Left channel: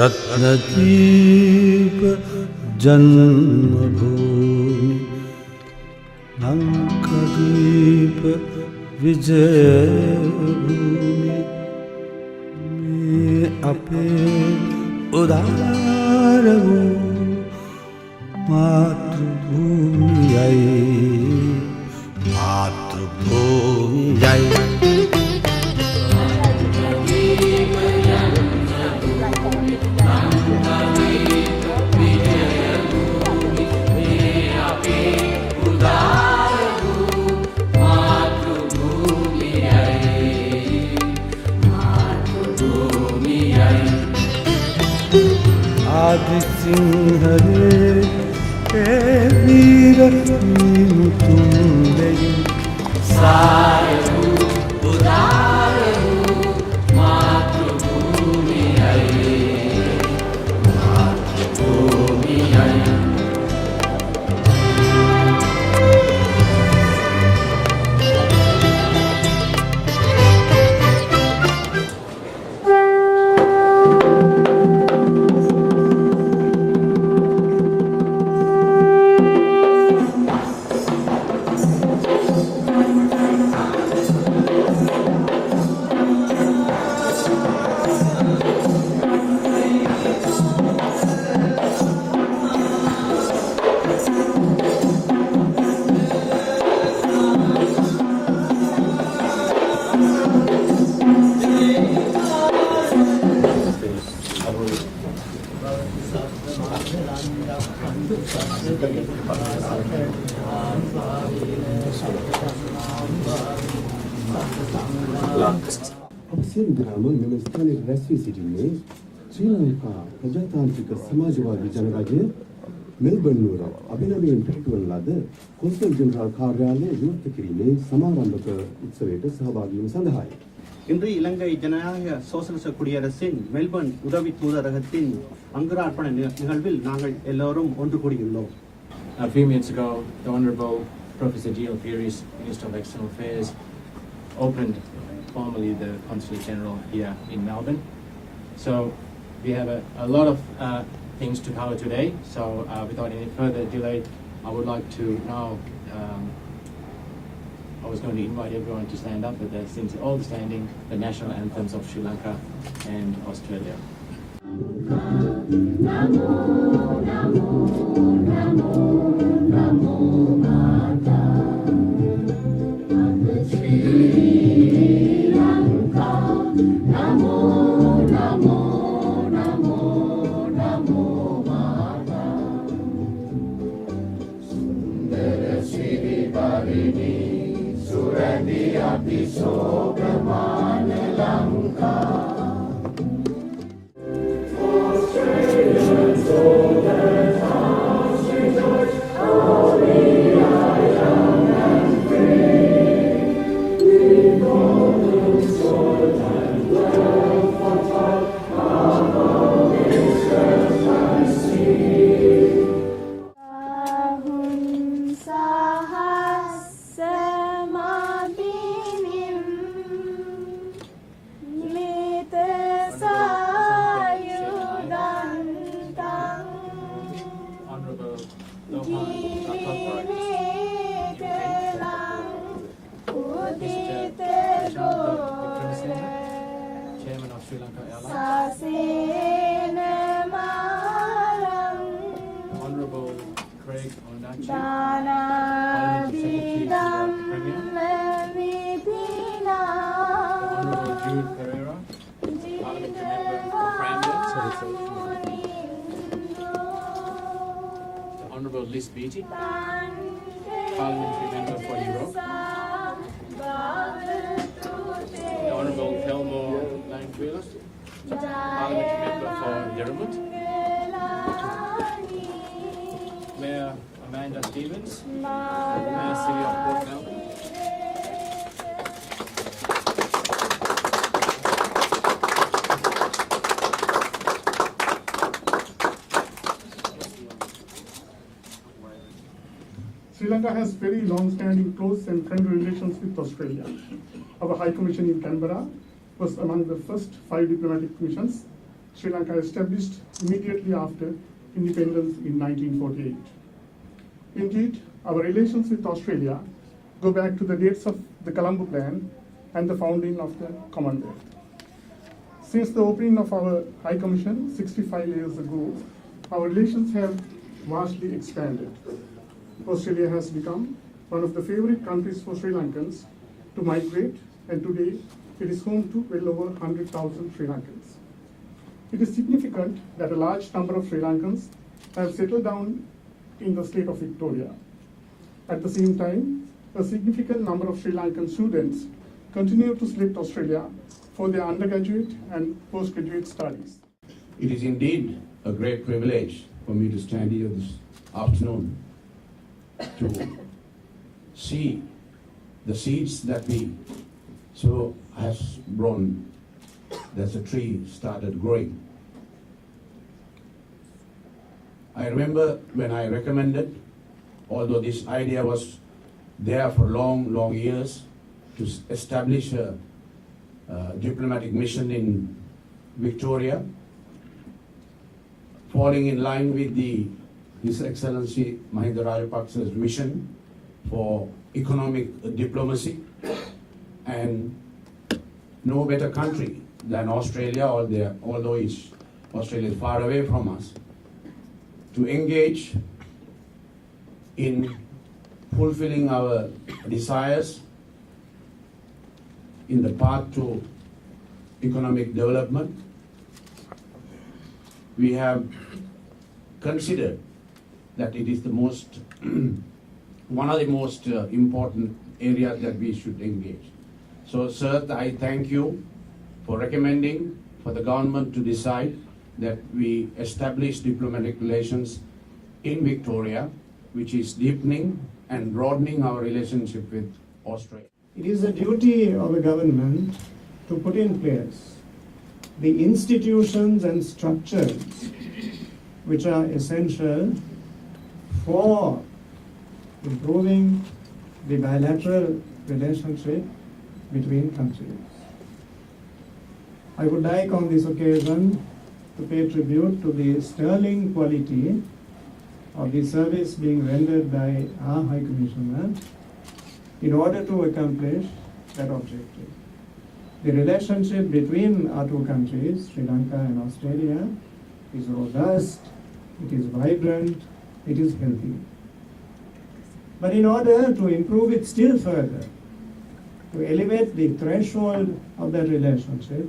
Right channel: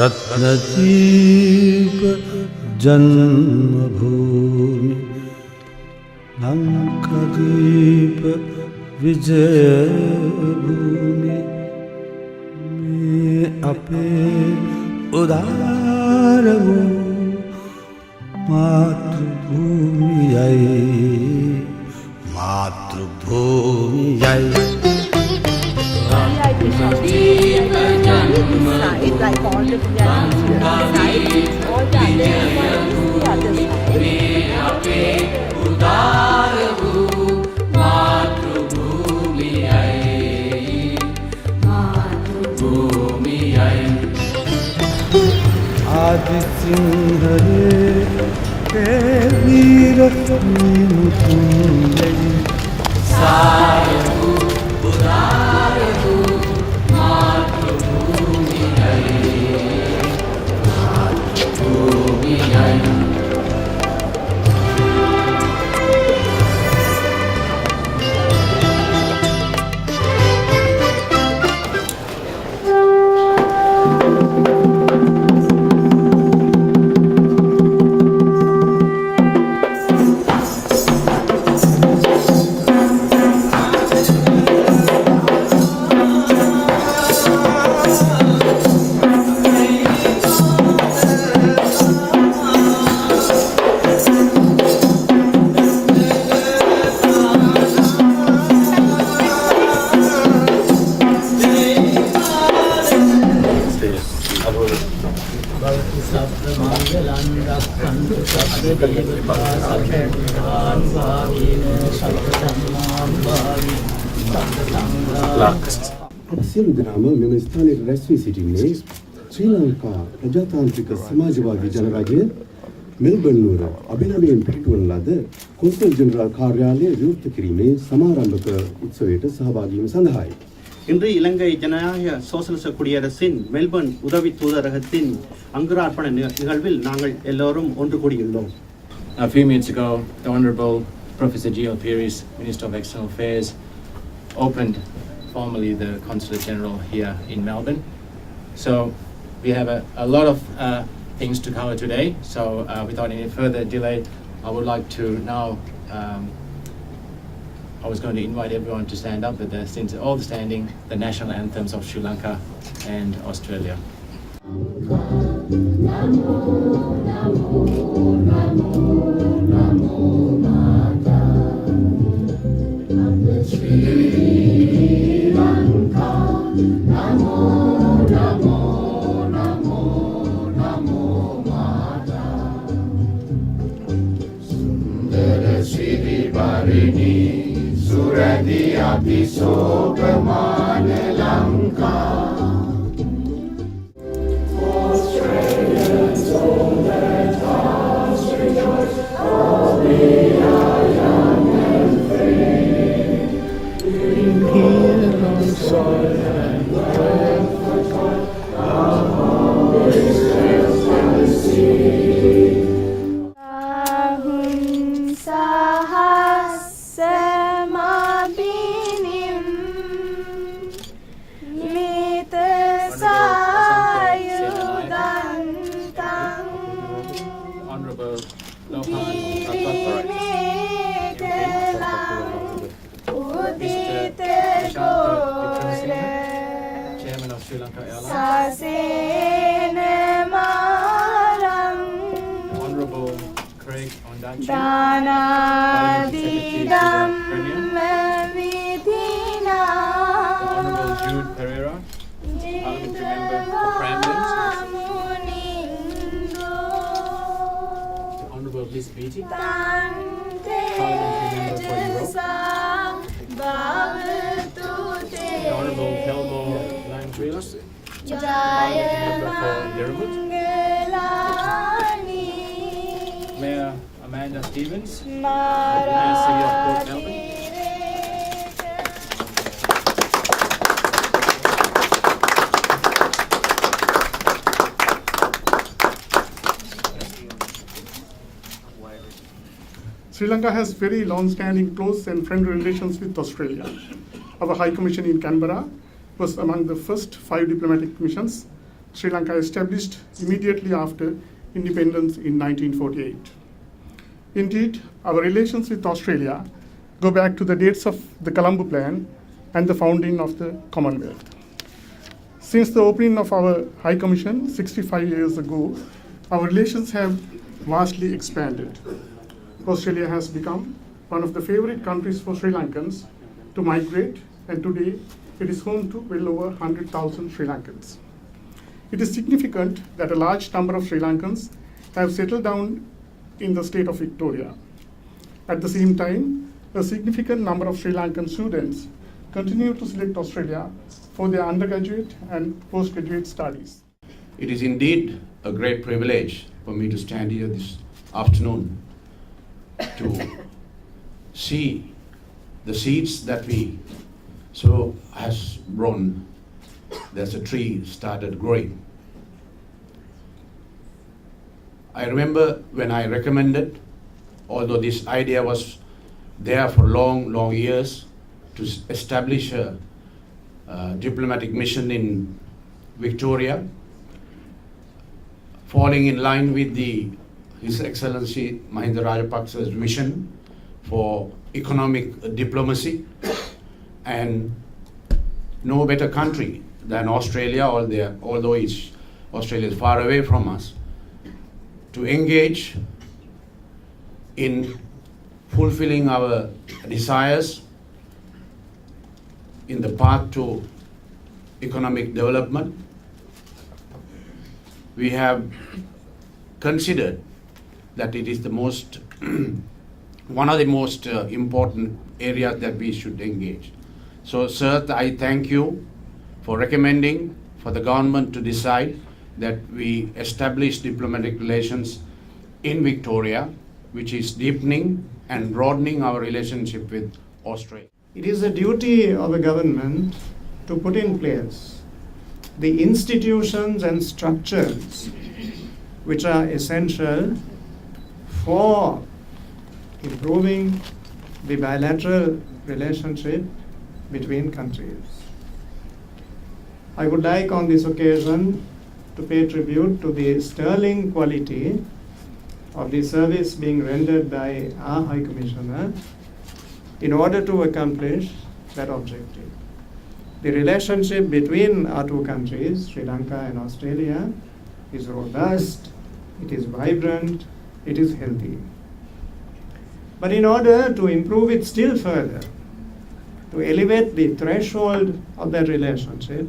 रत्नदीप जन्मभूमि लंकादीप विजयभूमि में अपे उदार मातृभूमि आदि सिंह के वीर मीनु तुंगे सायु उदारु मातृभूमि मातृभूमि සියලු දෙනාම මෙම ස්ථානයේ රැස් වී සිටින්නේ ශ්‍රී ලංකා ප්‍රජාතාන්ත්‍රික සමාජවාදී ජනරජය මෙල්බර්න් නුවර අභිනවයෙන් පිහිටුවන ලද කොන්සල් ජෙනරාල් කාර්යාලය විවෘත කිරීමේ සමාරම්භක උත්සවයට සහභාගී වීම සඳහායි. இன்று இலங்கை ஜனநாயக சோசலிச குடியரசின் மெல்பர்ன் உதவி தூதரகத்தின் அங்குரார்ப்பண நிகழ்வில் நாங்கள் எல்லோரும் ஒன்று கூடியுள்ளோம். A few minutes ago, the Honourable Professor G.L Peiris, Minister of External Affairs, opened formally the Consulate General here in Melbourne. So we have a lot of things to cover today. So without any further delay, I would like to now, I was going to invite everyone to stand up with us, since all standing the national anthems of Sri Lanka and Australia. Namo, namo, namo, namo, Mata. Sri Lanka. Namo, namo, namo, namo, Mata. Sundara Sri Varini, Suradi Abhisogamana Lanka. Australians, all their hearts rejoice, for we are young and free. We call sword and wealth for toil, our home is earth and the sea. Chairman of Srilankan Airlines, Honorable Craig Ondachi, Parliament Secretary to the Premier, the Honorable Jude Pereira, Parliament Member for Cranbourne, the Honorable Liz Beattie, Parliamentary Member for Europe, Mayor Amanda Stevens, Sri Lanka has very long-standing close and friendly relations with Australia. Our High Commission in Canberra was among the first 5 diplomatic missions Sri Lanka established immediately after independence in 1948. Indeed, our relations with Australia go back to the dates of the Colombo Plan and the founding of the Commonwealth. Since the opening of our High Commission 65 years ago, our relations have vastly expanded. Australia has become one of the favorite countries for Sri Lankans to migrate, and today it is home to well over 100,000 Sri Lankans. It is significant that a large number of Sri Lankans have settled down in the state of Victoria. At the same time, a significant number of Sri Lankan students continue to select Australia for their undergraduate and postgraduate studies. It is indeed a great privilege for me to stand here this afternoon to see the seeds that we sow has grown. There's a tree started growing. I remember when I recommended, although this idea was there for long years, to establish a diplomatic mission in Victoria, falling in line with His Excellency Mahinda Rajapaksa's vision for economic diplomacy, and no better country than Australia, although Australia is far away from us, to engage in fulfilling our desires in the path to economic development. We have considered that it is the most one of the most important areas that we should engage. So, sir, I thank you for recommending for the government to decide that we establish diplomatic relations in Victoria, which is deepening and broadening our relationship with Australia. It is the duty of a government to put in place the institutions and structures which are essential for improving the bilateral relationship between countries. I would like on this occasion to pay tribute to the sterling quality of the service being rendered by our High Commissioner in order to accomplish that objective. The relationship between our two countries, Sri Lanka and Australia, is robust, it is vibrant, it is healthy. But in order to improve it still further, to elevate the threshold of that relationship,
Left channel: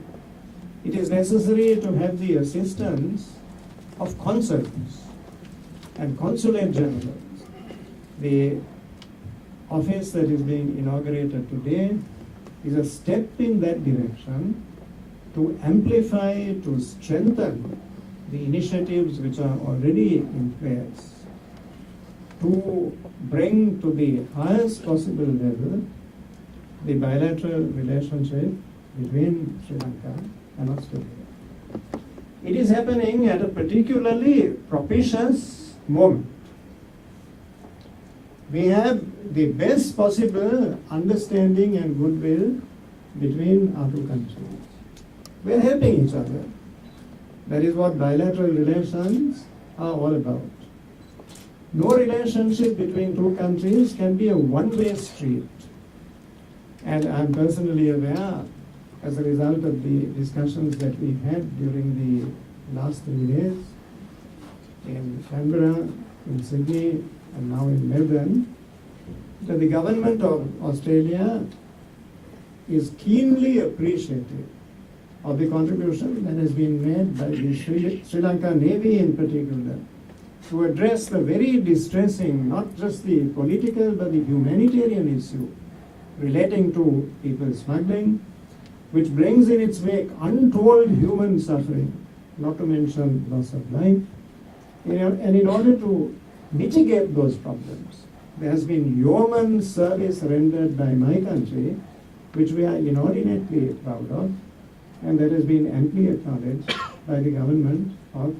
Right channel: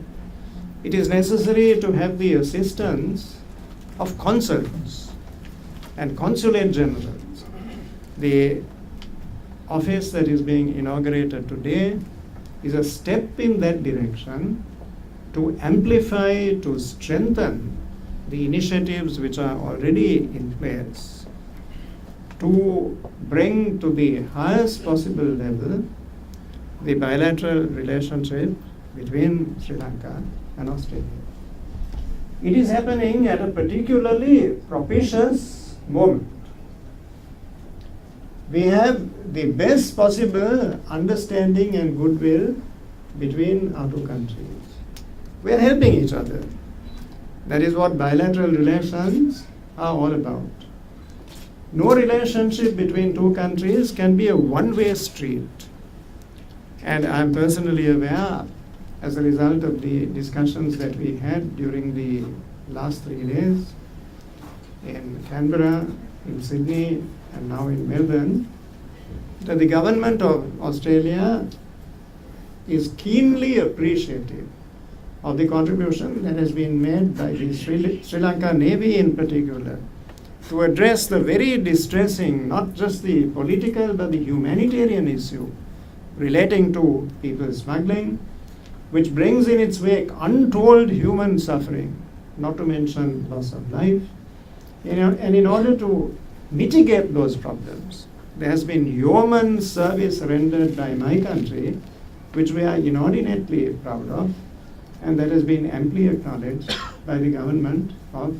it is necessary to have the assistance of consulates and consulate generals. The office that is being inaugurated today is a step in that direction to amplify, to strengthen the initiatives which are already in place, to bring to the highest possible level the bilateral relationship between Sri Lanka and Australia. It is happening at a particularly propitious moment. We have the best possible understanding and goodwill between our two countries. We are helping each other. That is what bilateral relations are all about. No relationship between two countries can be a one-way street. And I'm personally aware, as a result of the discussions that we had during the last 3 days in Canberra, in Sydney, and now in Melbourne, that the government of Australia is keenly appreciative of the contribution that has been made by the Sri Lanka Navy in particular to address the very distressing, not just the political but the humanitarian issue relating to people smuggling, which brings in its wake untold human suffering, not to mention loss of life. And in order to mitigate those problems, there has been yeoman service rendered by my country, which we are inordinately proud of, and that has been amply acknowledged by the government of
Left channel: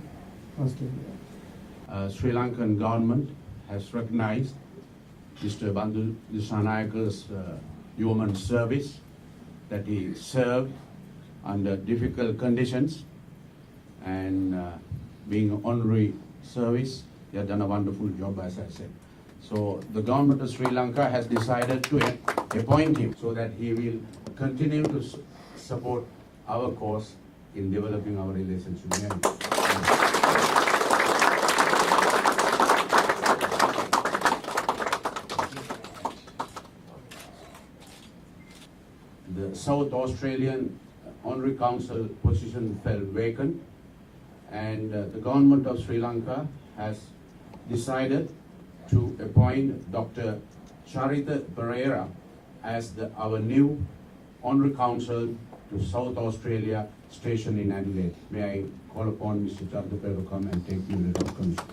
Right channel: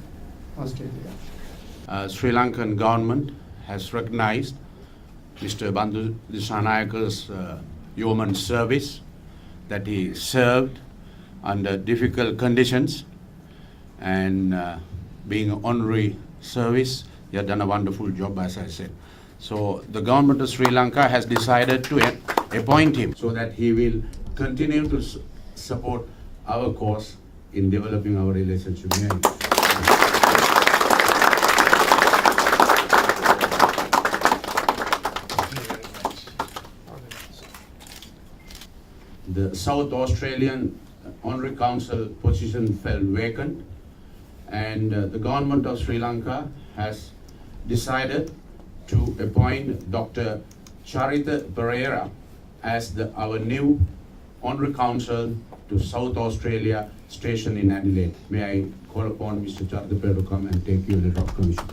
Australia. Sri Lankan government has recognized Mr. Bandu Disanayaka's yeoman service, that he served under difficult conditions and being an honorary service. You have done a wonderful job, as I said. So the government of Sri Lanka has decided to appoint him so that he will continue to support our cause in developing our relationship. The South Australian Honorary Council position fell vacant, and the government of Sri Lanka has decided to appoint Dr. Charita Pereira as our new Honorary Council to South Australia station in Adelaide. May I call upon Mr. Charita Pereira to come and take you letter of commission.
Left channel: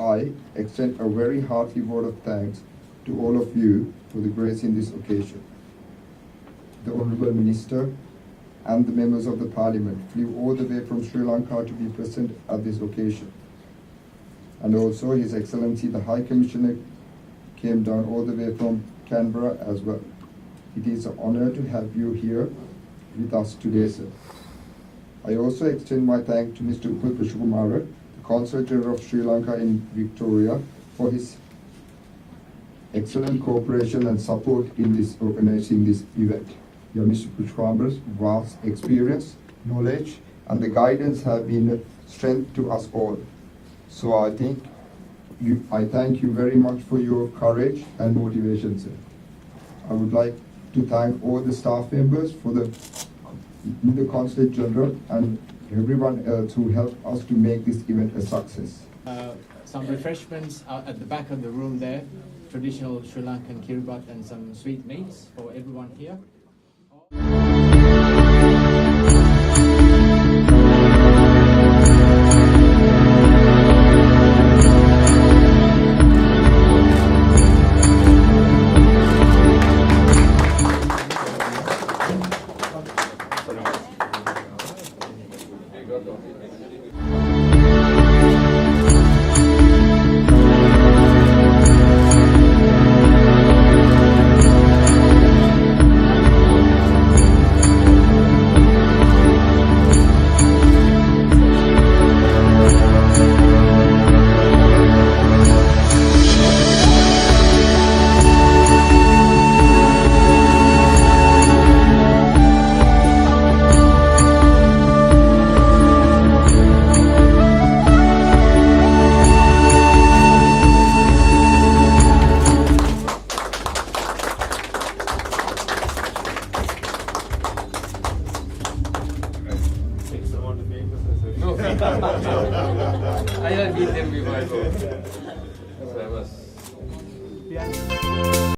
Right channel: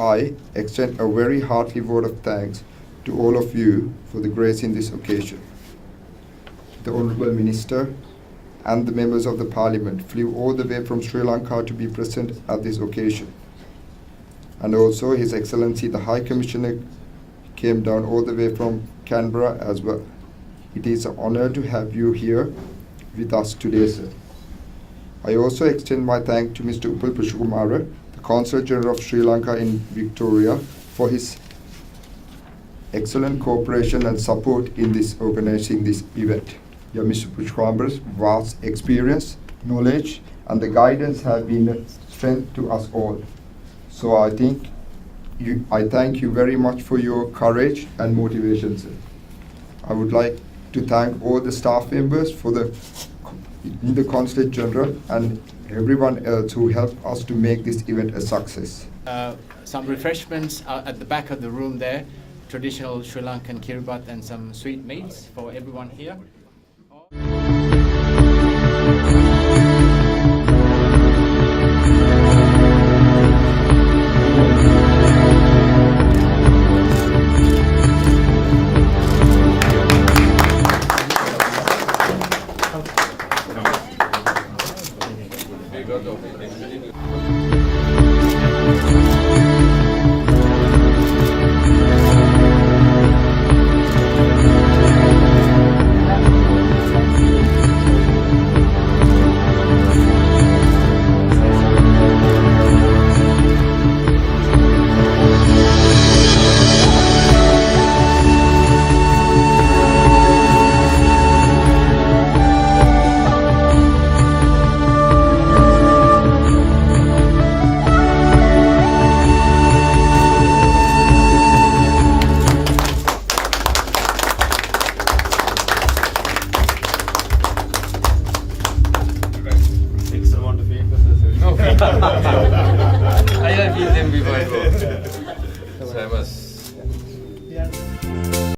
I extend a very hearty word of thanks to all of you for the grace in this occasion. The Honourable Minister and the members of the Parliament flew all the way from Sri Lanka to be present at this occasion. And also His Excellency the High Commissioner came down all the way from Canberra as well. It is an honour to have you here with us today, sir. I also extend my thanks to Mr. Upal Pushkumara, the Consulate General of Sri Lanka in Victoria, for his excellent cooperation and support in this organizing this event. Mr. Pushkumara's vast experience, knowledge, and the guidance have been a strength to us all. So I thank you very much for your courage and motivation, sir. I would like to thank all the staff members for the Consulate General and everyone else who helped us to make this event a success. Some refreshments are at the back of the room there, traditional Sri Lankan kiribat and some sweetmeats for everyone here. I have been them before, so I was. Yeah.